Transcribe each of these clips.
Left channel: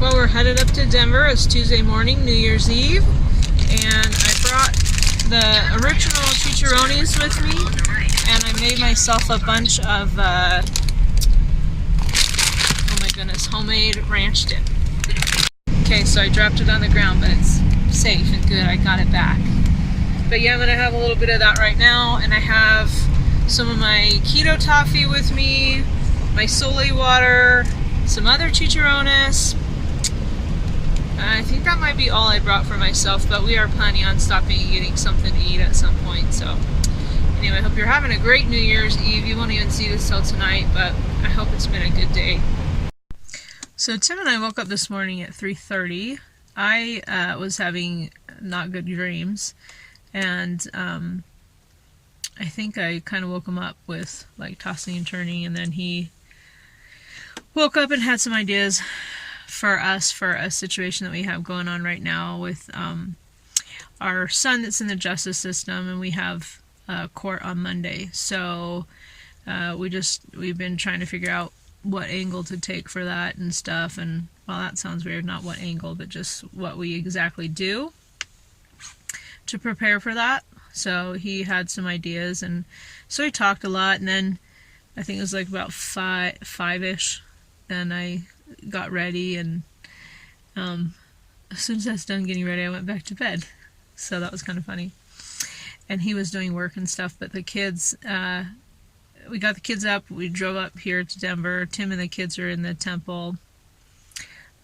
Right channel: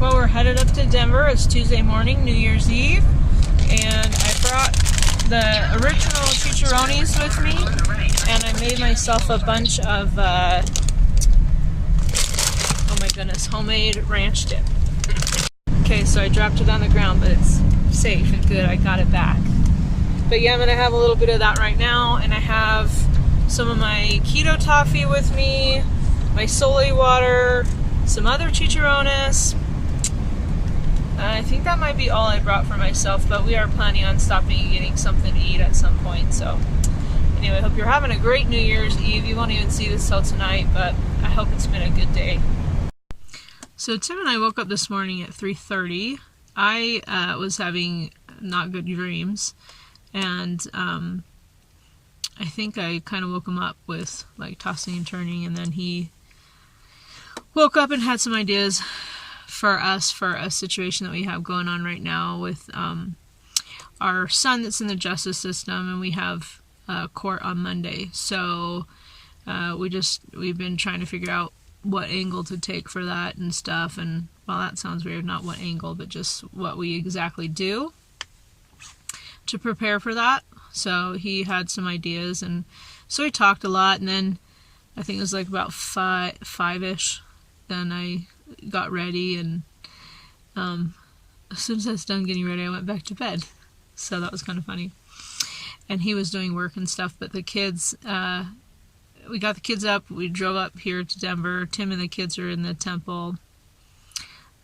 Well, we're headed up to Denver. It's Tuesday morning, New Year's Eve, and I brought the original chicharrones with me, and I made myself a bunch of, oh my goodness, homemade ranch dip. Okay, so I dropped it on the ground, but it's safe and good. I got it back. But yeah, I'm going to have a little bit of that right now, and I have some of my keto toffee with me, my sole water, some other chicharrones. I think that might be all I brought for myself, but we are planning on stopping and getting something to eat at some point. So anyway, I hope you're having a great New Year's Eve. You won't even see this till tonight, but I hope it's been a good day. So Tim and I woke up this morning at 3:30. I was having not good dreams, and I think I kind of woke him up with like tossing and turning, and then he woke up and had some ideas for us for a situation that we have going on right now with our son that's in the justice system, and we have court on Monday. So we've been trying to figure out what angle to take for that and stuff, and well, that sounds weird, not what angle, but just what we exactly do to prepare for that. So he had some ideas, and so we talked a lot, and then I think it was like about five-ish, then I got ready, and as soon as I was done getting ready, I went back to bed. So that was kind of funny. And he was doing work and stuff, but the kids, we got the kids up, we drove up here to Denver. Tim and the kids are in the temple,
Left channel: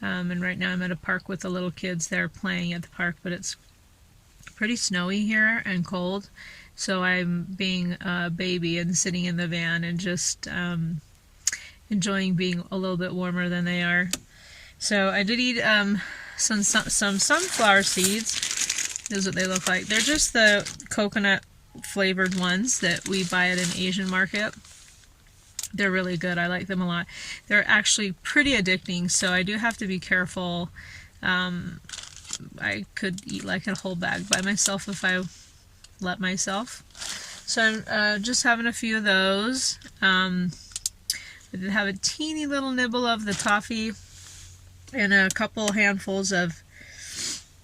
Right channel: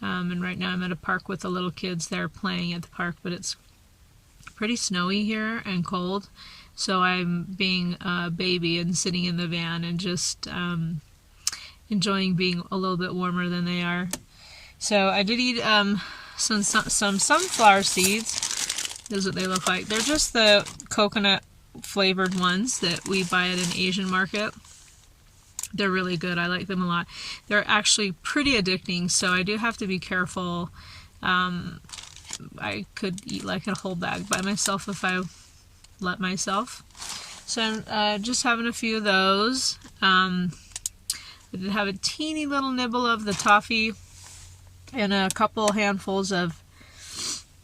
and right now I'm at a park with the little kids. They're playing at the park, but it's pretty snowy here and cold, so I'm being a baby and sitting in the van and just enjoying being a little bit warmer than they are. So I did eat some sunflower seeds. This is what they look like. They're just the coconut flavored ones that we buy at an Asian market. They're really good. I like them a lot. They're actually pretty addicting, so I do have to be careful. I could eat like a whole bag by myself if I let myself. So I'm just having a few of those. I did have a teeny little nibble of the toffee and a couple handfuls of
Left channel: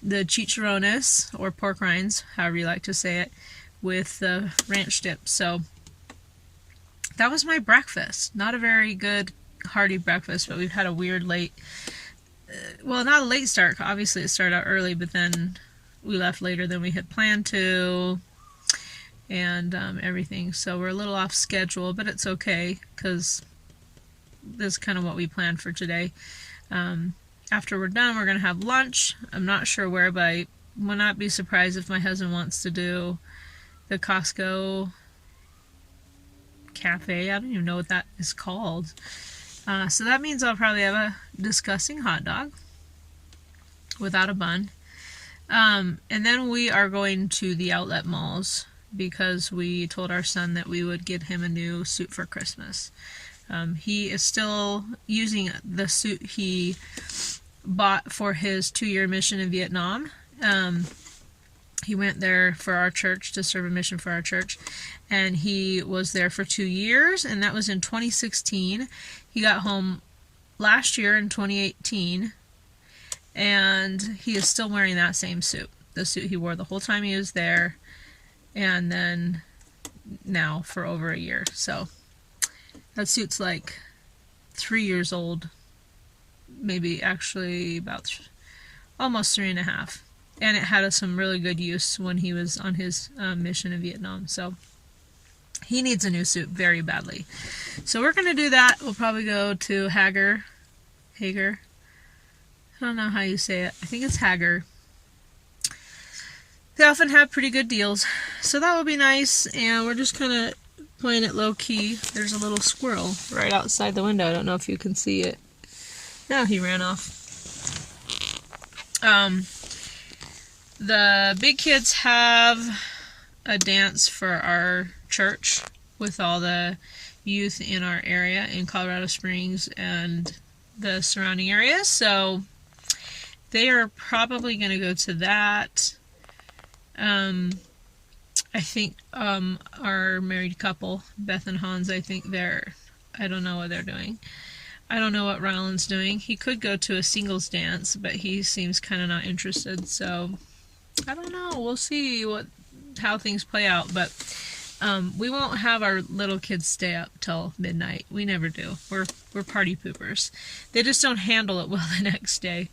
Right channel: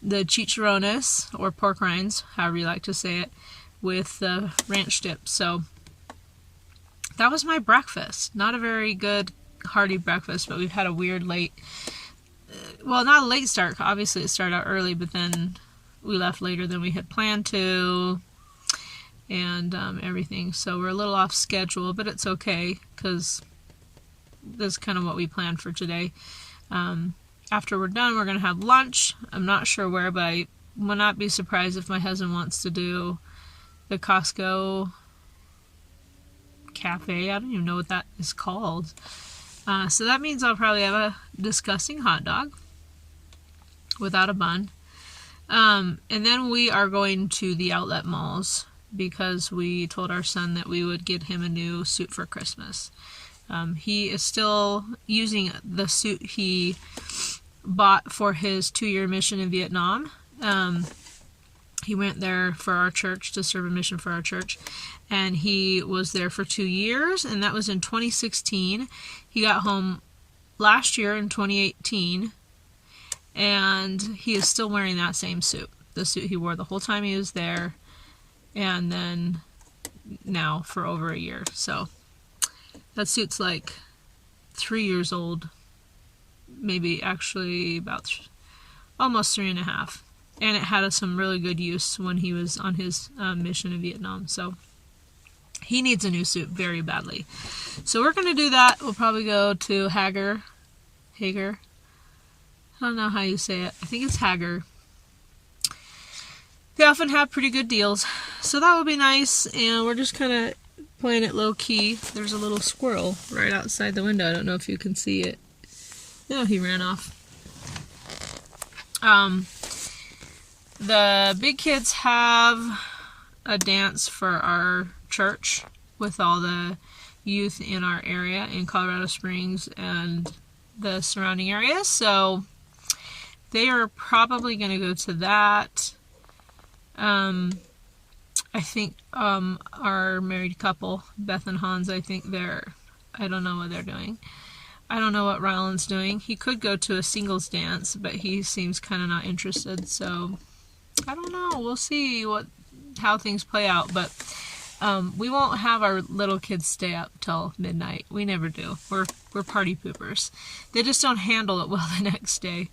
the chicharrones, or pork rinds, however you like to say it, with the ranch dip. So that was my breakfast. Not a very good hearty breakfast, but we've had a weird late, well, not a late start. Obviously it started out early, but then we left later than we had planned to, and everything. So we're a little off schedule, but it's okay, because this is kind of what we planned for today. After we're done, we're going to have lunch. I'm not sure where, but I will not be surprised if my husband wants to do the Costco cafe. I don't even know what that is called. So that means I'll probably have a disgusting hot dog without a bun. And then we are going to the outlet malls because we told our son that we would get him a new suit for Christmas. He is still using the suit he bought for his 2-year mission in Vietnam. He went there for our church to serve a mission for our church, and he was there for 2 years, and that was in 2016. He got home last year in 2018, and he is still wearing that same suit, the suit he wore the whole time he was there, and then now for over a year. So that suit's like 3 years old, maybe actually about almost 3.5. And it had some really good use when he was on his mission in Vietnam. So he needs a new suit very badly. So we're going to do that. We'll probably go to Hager. I don't know how you say it. I think it's Hager. They often have pretty good deals. So that will be nice. And we're just kind of playing it low key. There's a little squirrel right outside the window. I don't know if you can see it. No, he ran off. The big kids have a dance for our church with all the youth in our area in Colorado Springs and the surrounding areas. So they are probably going to go to that. I think our married couple, Beth and Hans, I don't know what they're doing. I don't know what Ryland's doing. He could go to a singles dance, but he seems kind of not interested. So I don't know. We'll see how things play out. But we won't have our little kids stay up till midnight. We never do. We're party poopers. They just don't handle it well the next day.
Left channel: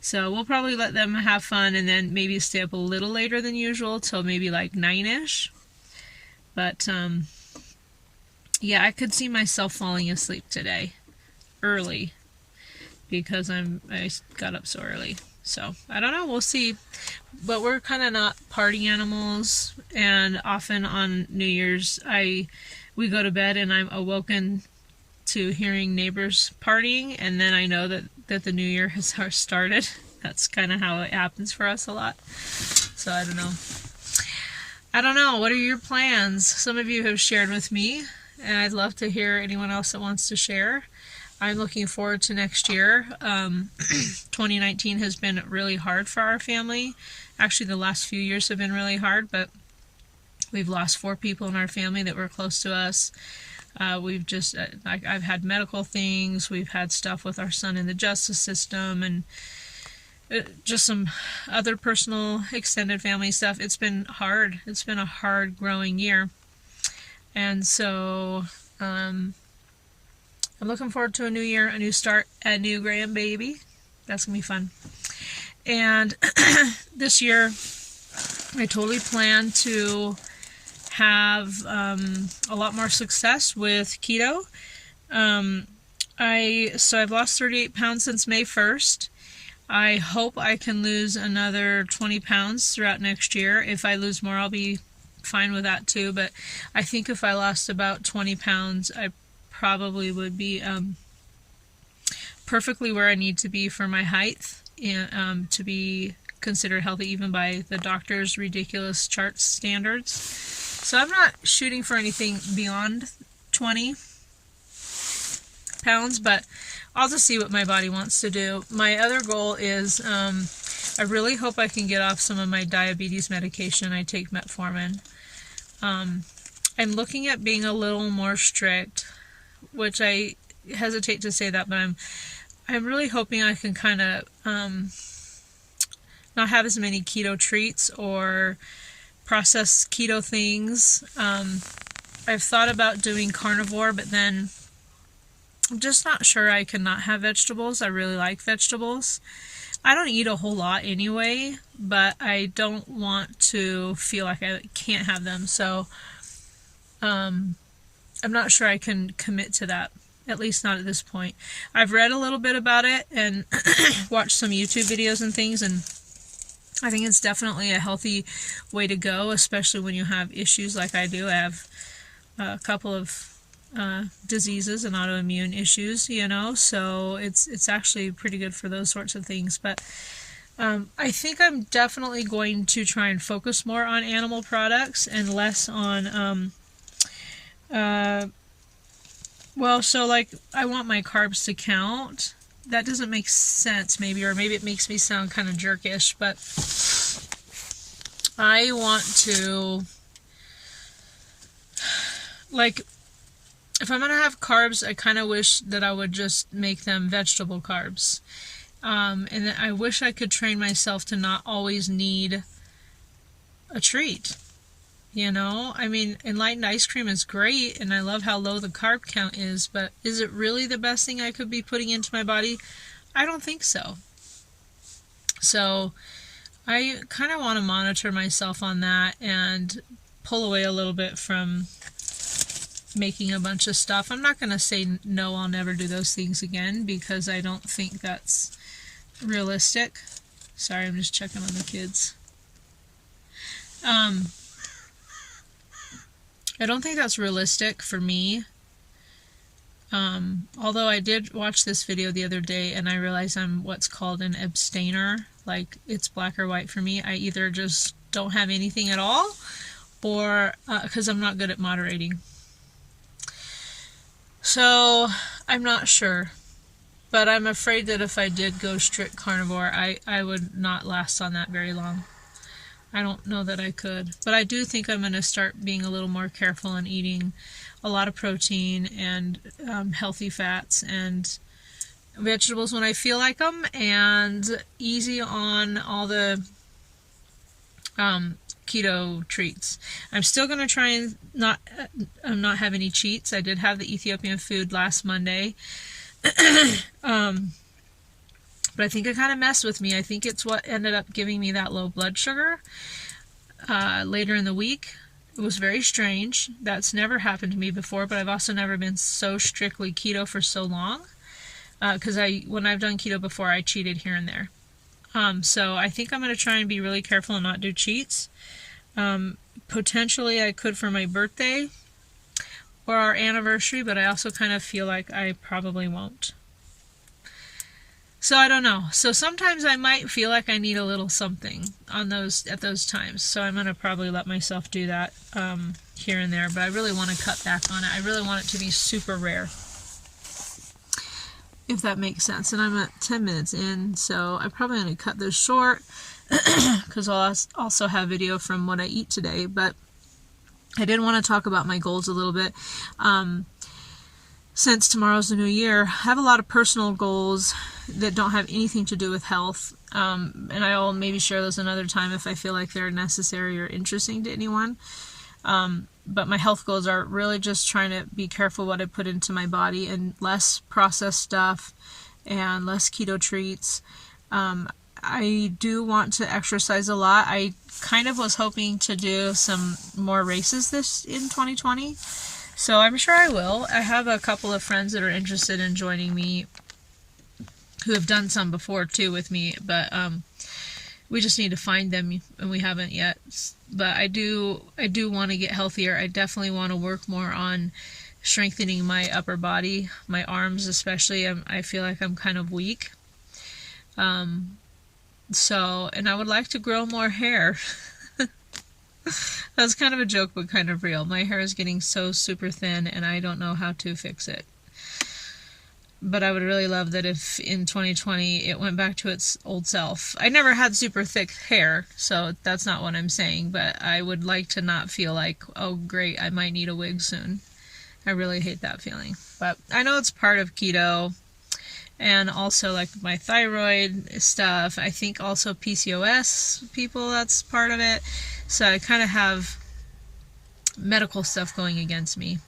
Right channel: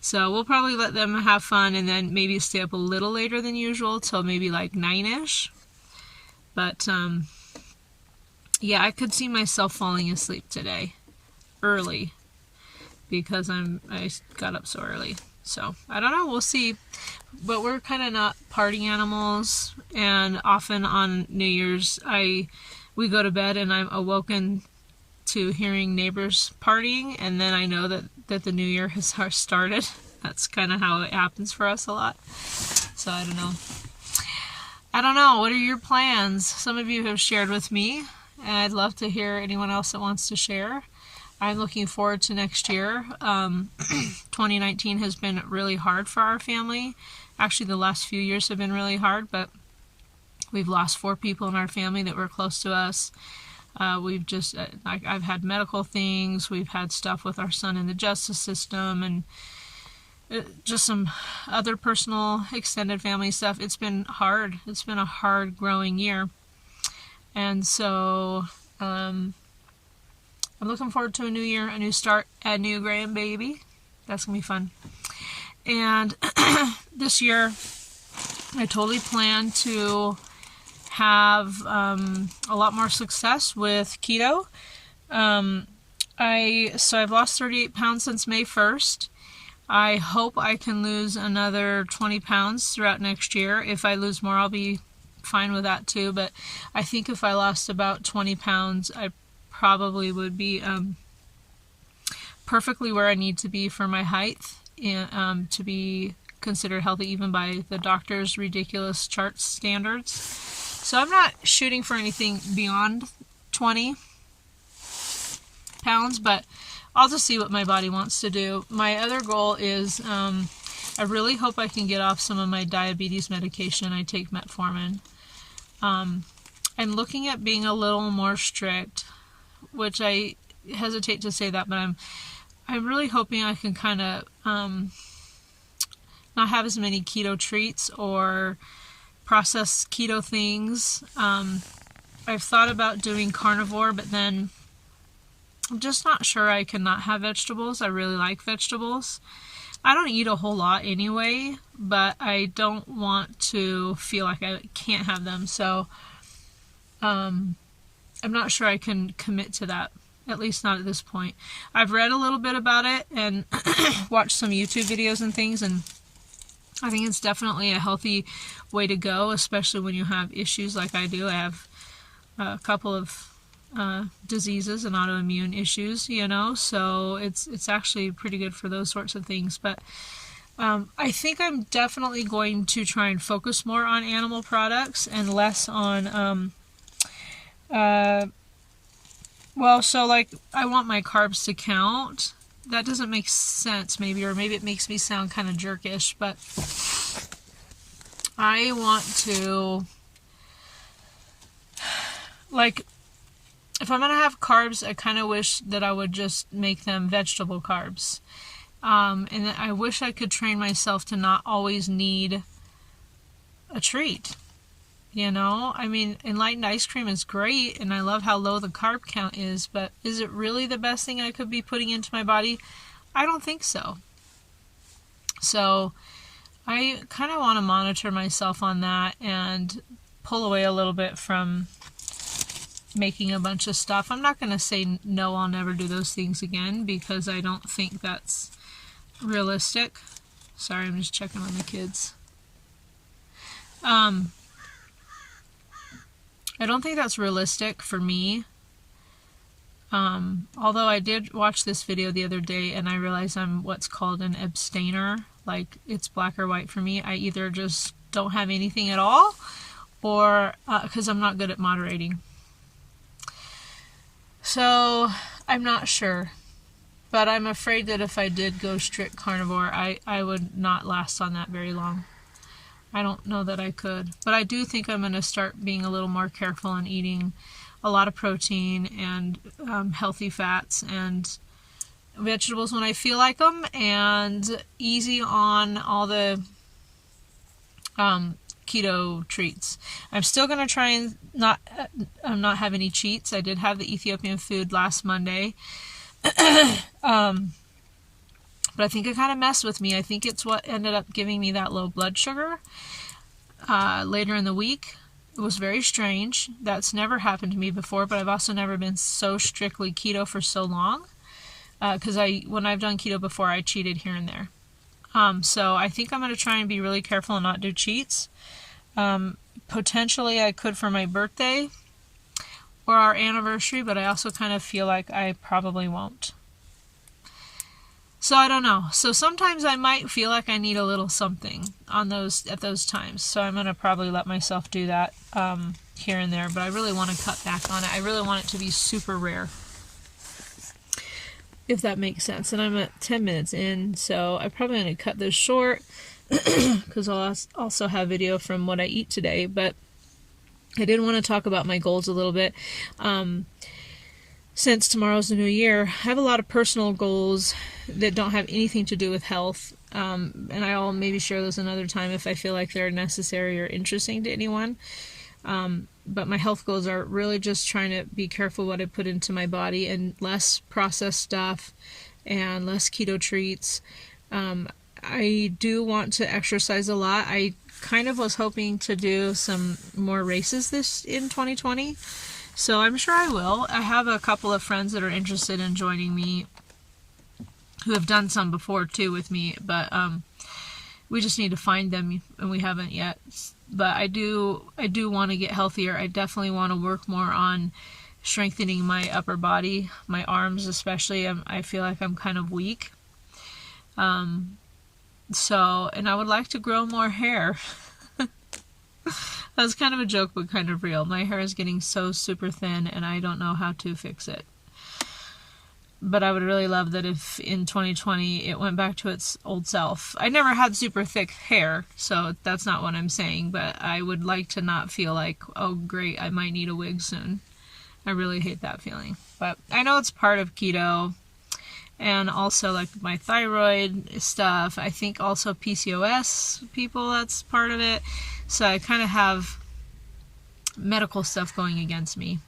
So we'll probably let them have fun and then maybe stay up a little later than usual till maybe like 9-ish. But yeah, I could see myself falling asleep today early because I got up so early. So I don't know, we'll see. But we're kind of not party animals, and often on New Year's we go to bed and I'm awoken to hearing neighbors partying, and then I know that the new year has started. That's kind of how it happens for us a lot. So I don't know. What are your plans? Some of you have shared with me, and I'd love to hear anyone else that wants to share. I'm looking forward to next year. 2019 has been really hard for our family. Actually, the last few years have been really hard, but we've lost 4 people in our family that were close to us. I've had medical things. We've had stuff with our son in the justice system, and just some other personal extended family stuff. It's been hard. It's been a hard growing year. And so I'm looking forward to a new year, a new start, a new grandbaby. That's going to be fun. And this year, I totally plan to have a lot more success with keto. So I've lost 38 pounds since May 1st. I hope I can lose another 20 pounds throughout next year. If I lose more, I'll be fine with that too. But I think if I lost about 20 pounds, I probably would be perfectly where I need to be for my height, and to be considered healthy even by the doctor's ridiculous chart standards. So I'm not shooting for anything beyond 20 pounds, but I'll just see what my body wants to do. My other goal is I really hope I can get off some of my diabetes medication. I take metformin. I'm looking at being a little more strict, which I hesitate to say that, but I'm really hoping I can kind of not have as many keto treats or processed keto things. I've thought about doing carnivore, but then I'm just not sure I can not have vegetables. I really like vegetables. I don't eat a whole lot anyway, but I don't want to feel like I can't have them. So I'm not sure I can commit to that, at least not at this point. I've read a little bit about it and watched some YouTube videos and things, and I think it's definitely a healthy way to go, especially when you have issues like I do. I have a couple of diseases and autoimmune issues, so it's actually pretty good for those sorts of things. But I think I'm definitely going to try and focus more on animal products and less on so like I want my carbs to count. That doesn't make sense, maybe, or maybe it makes me sound kind of jerkish, but I want to, like, if I'm going to have carbs, I kind of wish that I would just make them vegetable carbs. And then I wish I could train myself to not always need a treat. I mean, enlightened ice cream is great, and I love how low the carb count is, but is it really the best thing I could be putting into my body? I don't think so. So I kind of want to monitor myself on that and pull away a little bit from making a bunch of stuff. I'm not going to say no, I'll never do those things again, because I don't think that's realistic. Sorry, I'm just checking on the kids. I don't think that's realistic for me. Although I did watch this video the other day and I realized I'm what's called an abstainer. Like, it's black or white for me. I either just don't have anything at all, or because I'm not good at moderating. So I'm not sure. But I'm afraid that if I did go strict carnivore, I would not last on that very long. I don't know that I could. But I do think I'm going to start being a little more careful and eating a lot of protein and healthy fats and vegetables when I feel like them, and easy on all the keto treats. I'm still going to try and not have any cheats. I did have the Ethiopian food last Monday. But I think it kind of messed with me. I think it's what ended up giving me that low blood sugar later in the week. It was very strange. That's never happened to me before, but I've also never been so strictly keto for so long. Because when I've done keto before, I cheated here and there. So I think I'm going to try and be really careful and not do cheats. Potentially I could for my birthday or our anniversary, but I also kind of feel like I probably won't. So I don't know. So sometimes I might feel like I need a little something at those times. So I'm going to probably let myself do that here and there, but I really want to cut back on it. I really want it to be super rare, if that makes sense. And I'm at 10 minutes in, so I'm probably going to cut this short because I'll also have video from what I eat today. But I did want to talk about my goals a little bit. Since tomorrow's the new year, I have a lot of personal goals that don't have anything to do with health. And I'll maybe share those another time if I feel like they're necessary or interesting to anyone. But my health goals are really just trying to be careful what I put into my body and less processed stuff and less keto treats. I do want to exercise a lot. I kind of was hoping to do some more races in 2020. So I'm sure I will. I have a couple of friends that are interested in joining me who have done some before too with me, but we just need to find them, and we haven't yet. But I do want to get healthier. I definitely want to work more on strengthening my upper body, my arms especially. I feel like I'm kind of weak. And I would like to grow more hair. That's kind of a joke, but kind of real. My hair is getting so super thin, and I don't know how to fix it. But I would really love that if in 2020 it went back to its old self. I never had super thick hair, so that's not what I'm saying, but I would like to not feel like, oh great, I might need a wig soon. I really hate that feeling. But I know it's part of keto, and also like my thyroid stuff. I think also PCOS people, that's part of it. So I kind of have medical stuff going against me.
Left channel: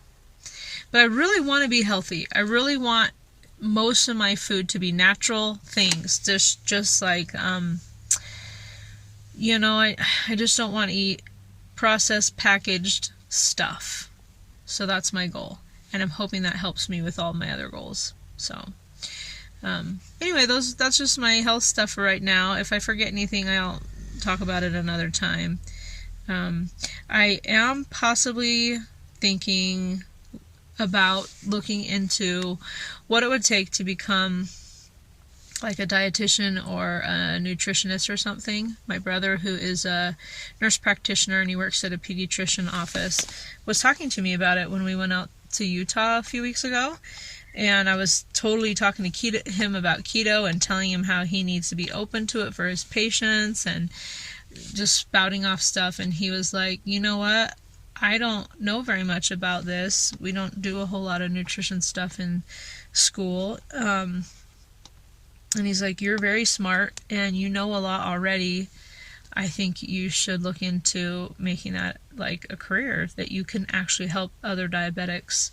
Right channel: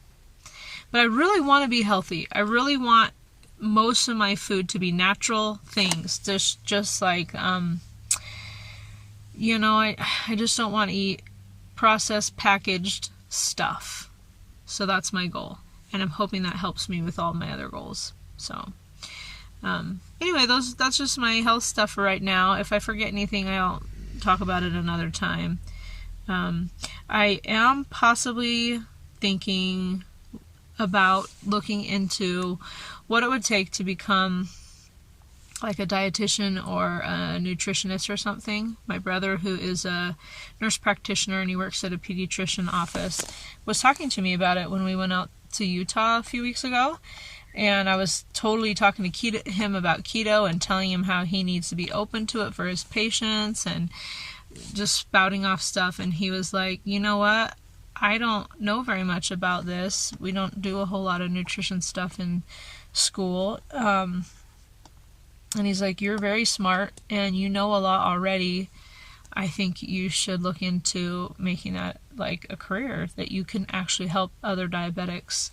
But I really want to be healthy. I really want most of my food to be natural things. Just like, I just don't want to eat processed, packaged stuff. So that's my goal. And I'm hoping that helps me with all my other goals. So, anyway, that's just my health stuff for right now. If I forget anything, I'll talk about it another time. I am possibly thinking about looking into what it would take to become like a dietitian or a nutritionist or something. My brother, who is a nurse practitioner and he works at a pediatrician office, was talking to me about it when we went out to Utah a few weeks ago. And I was totally talking to him about keto and telling him how he needs to be open to it for his patients and just spouting off stuff. And he was like, you know what? I don't know very much about this. We don't do a whole lot of nutrition stuff in school. And he's like, you're very smart and you know a lot already. I think you should look into making that like a career, that you can actually help other diabetics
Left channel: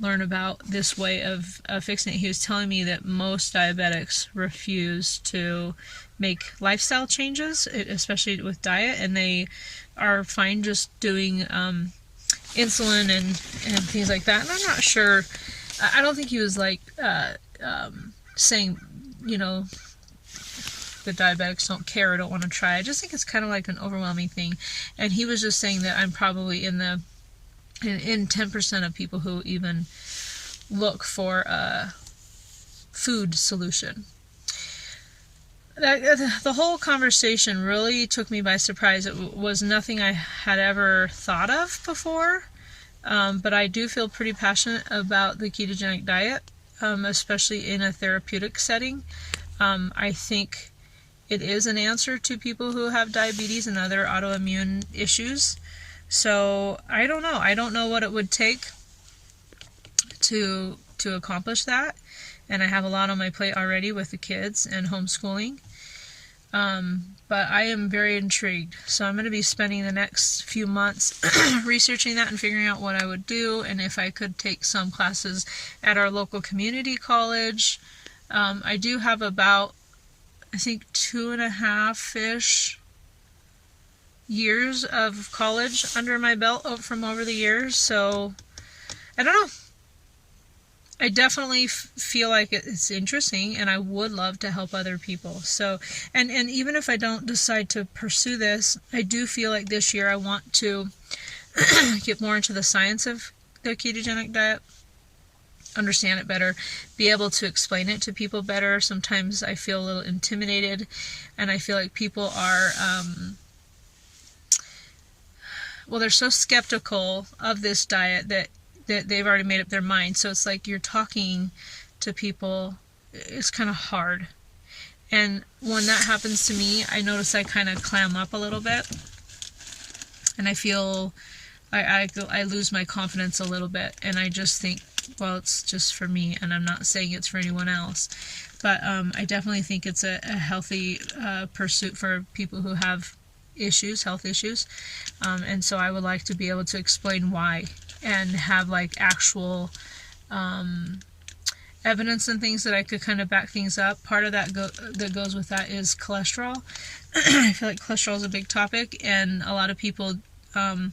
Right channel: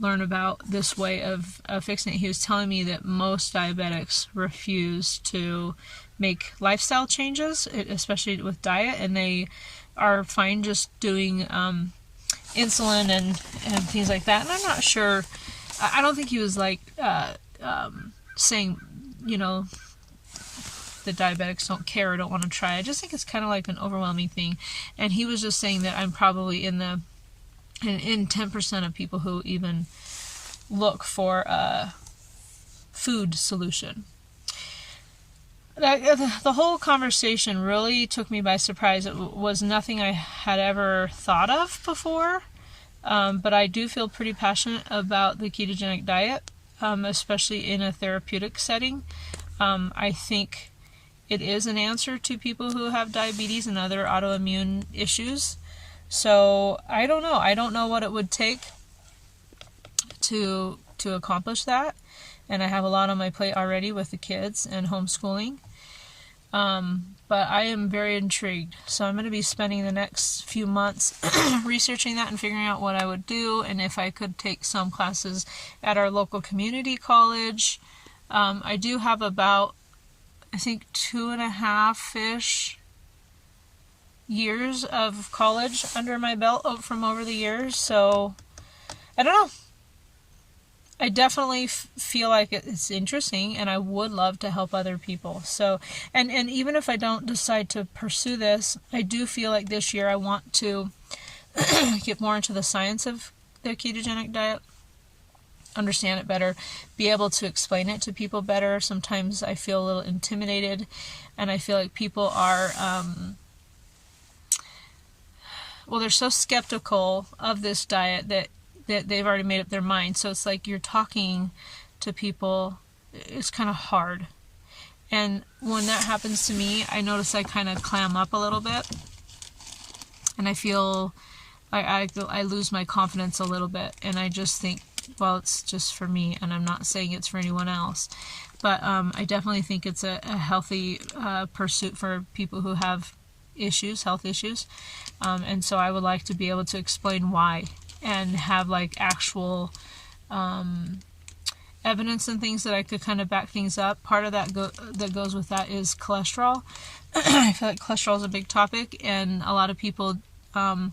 learn about this way of fixing it. He was telling me that most diabetics refuse to make lifestyle changes, especially with diet, and they are fine just doing insulin and things like that. And I'm not sure, I don't think he was like saying, that diabetics don't care or don't want to try. I just think it's kind of like an overwhelming thing. And he was just saying that I'm probably in 10% of people who even look for a food solution. The whole conversation really took me by surprise. It was nothing I had ever thought of before, but I do feel pretty passionate about the ketogenic diet, especially in a therapeutic setting. I think it is an answer to people who have diabetes and other autoimmune issues. So I don't know. I don't know what it would take to accomplish that. and I have a lot on my plate already with the kids and homeschooling. But I am very intrigued. So I'm going to be spending the next few months researching that and figuring out what I would do, and if I could take some classes at our local community college. I do have about, I think, 2.5-ish years of college under my belt from over the years. So I don't know. I definitely feel like it's interesting, and I would love to help other people. So, and even if I don't decide to pursue this, I do feel like this year I want to get more into the science of the ketogenic diet, understand it better, be able to explain it to people better. Sometimes I feel a little intimidated, and I feel like people are, well, they're so skeptical of this diet that they've already made up their mind. So it's like you're talking to people, it's kind of hard. And when that happens to me, I notice I kind of clam up a little bit, and I feel I lose my confidence a little bit, and I just think, well, it's just for me, and I'm not saying it's for anyone else. But I definitely think it's a healthy pursuit for people who have issues, health issues. And so I would like to be able to explain why, and have like actual evidence and things that I could kind of back things up. Part of that that goes with that is cholesterol. I feel like cholesterol is a big topic, and a lot of people, well,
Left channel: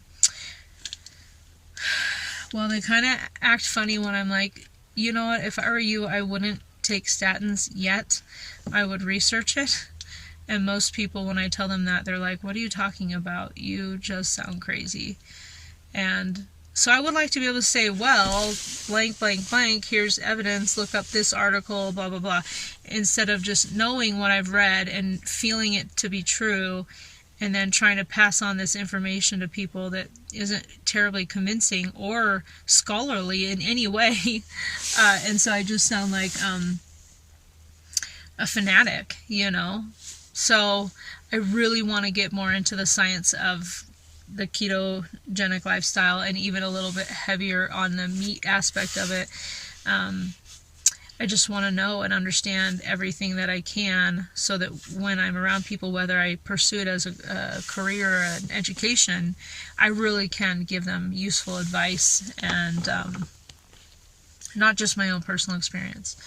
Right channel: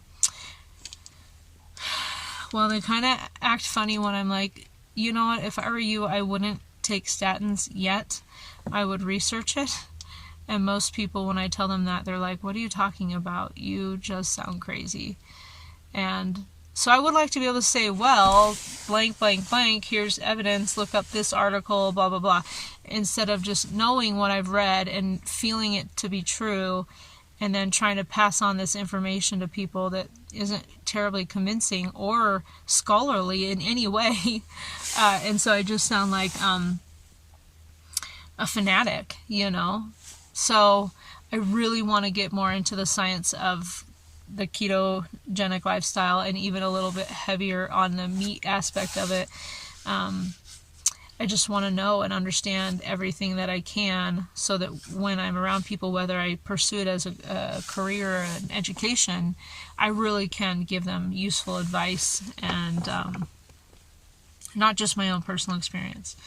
they kind of act funny when I'm like, you know what, if I were you, I wouldn't take statins yet. I would research it. And most people, when I tell them that, they're like, what are you talking about? You just sound crazy. And so I would like to be able to say, well, blank, blank, blank, here's evidence, look up this article, blah, blah, blah, instead of just knowing what I've read and feeling it to be true, and then trying to pass on this information to people that isn't terribly convincing or scholarly in any way. And so I just sound like a fanatic, you know? So I really want to get more into the science of the ketogenic lifestyle, and even a little bit heavier on the meat aspect of it. I just want to know and understand everything that I can, so that when I'm around people, whether I pursue it as a career or an education, I really can give them useful advice, and not just my own personal experience.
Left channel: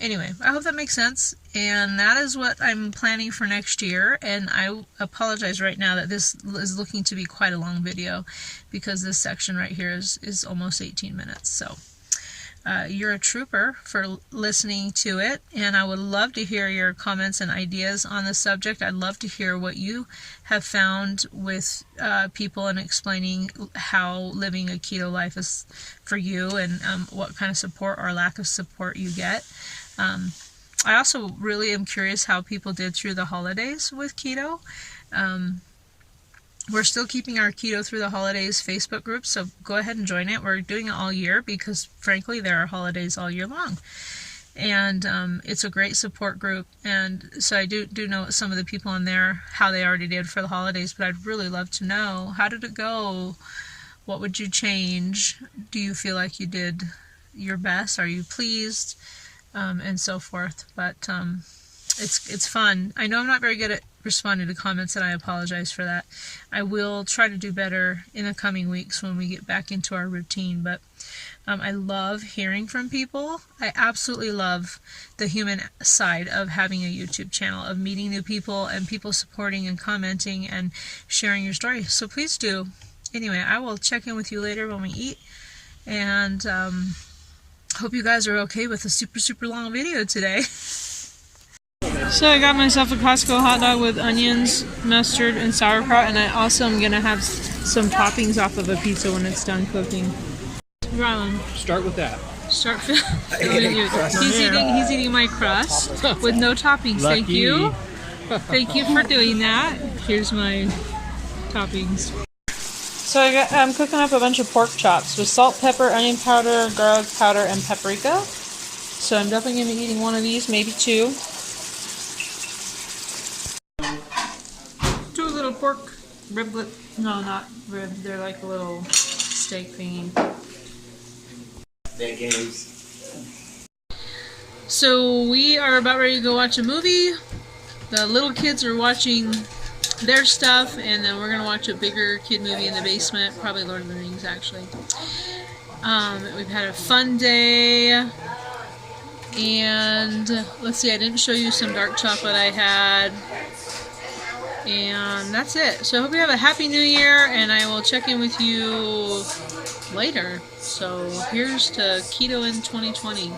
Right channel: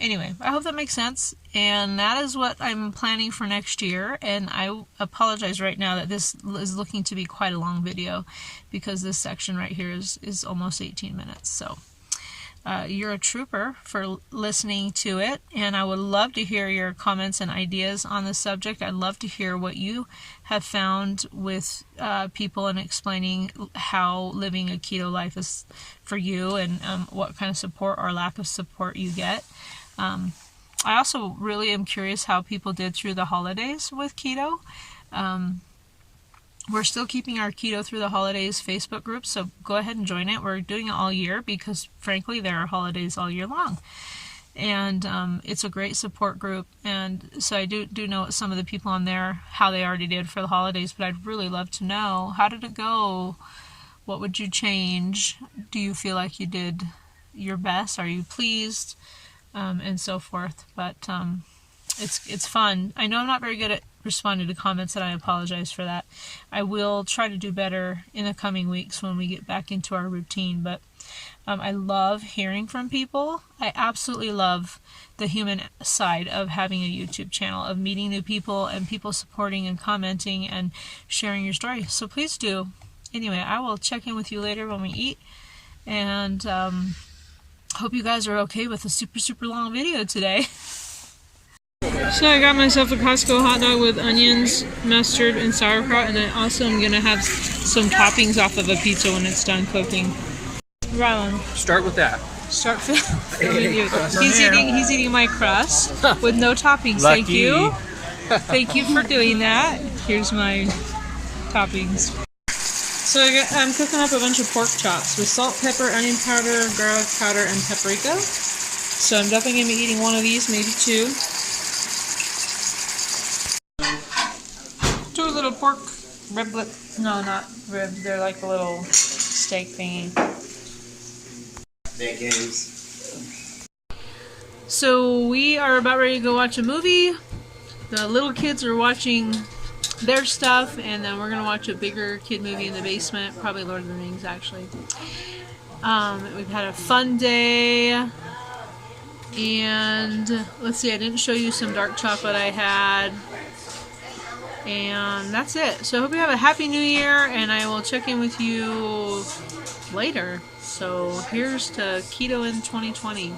Anyway, I hope that makes sense, and that is what I'm planning for next year. And I apologize right now that this is looking to be quite a long video, because this section right here is almost 18 minutes. So you're a trooper for listening to it, and I would love to hear your comments and ideas on the subject. I'd love to hear what you have found with people, and explaining how living a keto life is for you, and what kind of support or lack of support you get. I also really am curious how people did through the holidays with keto. We're still keeping our Keto Through the Holidays Facebook group, so go ahead and join it. We're doing it all year because, frankly, there are holidays all year long. And it's a great support group. And so I do know some of the people on there, how they already did for the holidays, but I'd really love to know, how did it go? What would you change? Do you feel like you did your best? Are you pleased? And so forth. But it's fun. I know I'm not very good at responding to comments, and I apologize for that. I will try to do better in the coming weeks when we get back into our routine. But I love hearing from people. I absolutely love the human side of having a YouTube channel, of meeting new people and people supporting and commenting and sharing your story. So please do. Anyway, I will check in with you later when we eat, and hope you guys are okay with a super long video today. So I got myself a Costco hot dog with onions, mustard, and sauerkraut, and I also am going to have some toppings off of a pizza when it's done cooking. Rylan. Start with that. Start filming you. He's eating my crust with no toppings. Lucky. Thank you. Thank you for doing that. Here's my toppings. So I'm cooking up a bunch of pork chops with salt, pepper, onion powder, garlic powder, and paprika. So I'm definitely going to be eating one of these, maybe two. Two little pork riblets. No, not ribs. They're like a little steak thingy. That games. So we are about ready to go watch a movie. The little kids are watching their stuff, and then we're gonna watch a bigger kid movie in the basement, probably Lord of the Rings actually. We've had a fun day, and let's see, I didn't show you some dark chocolate I had, and that's it. So I hope you have a happy new year, and I will check in with you later. So here's to Keto in 2020.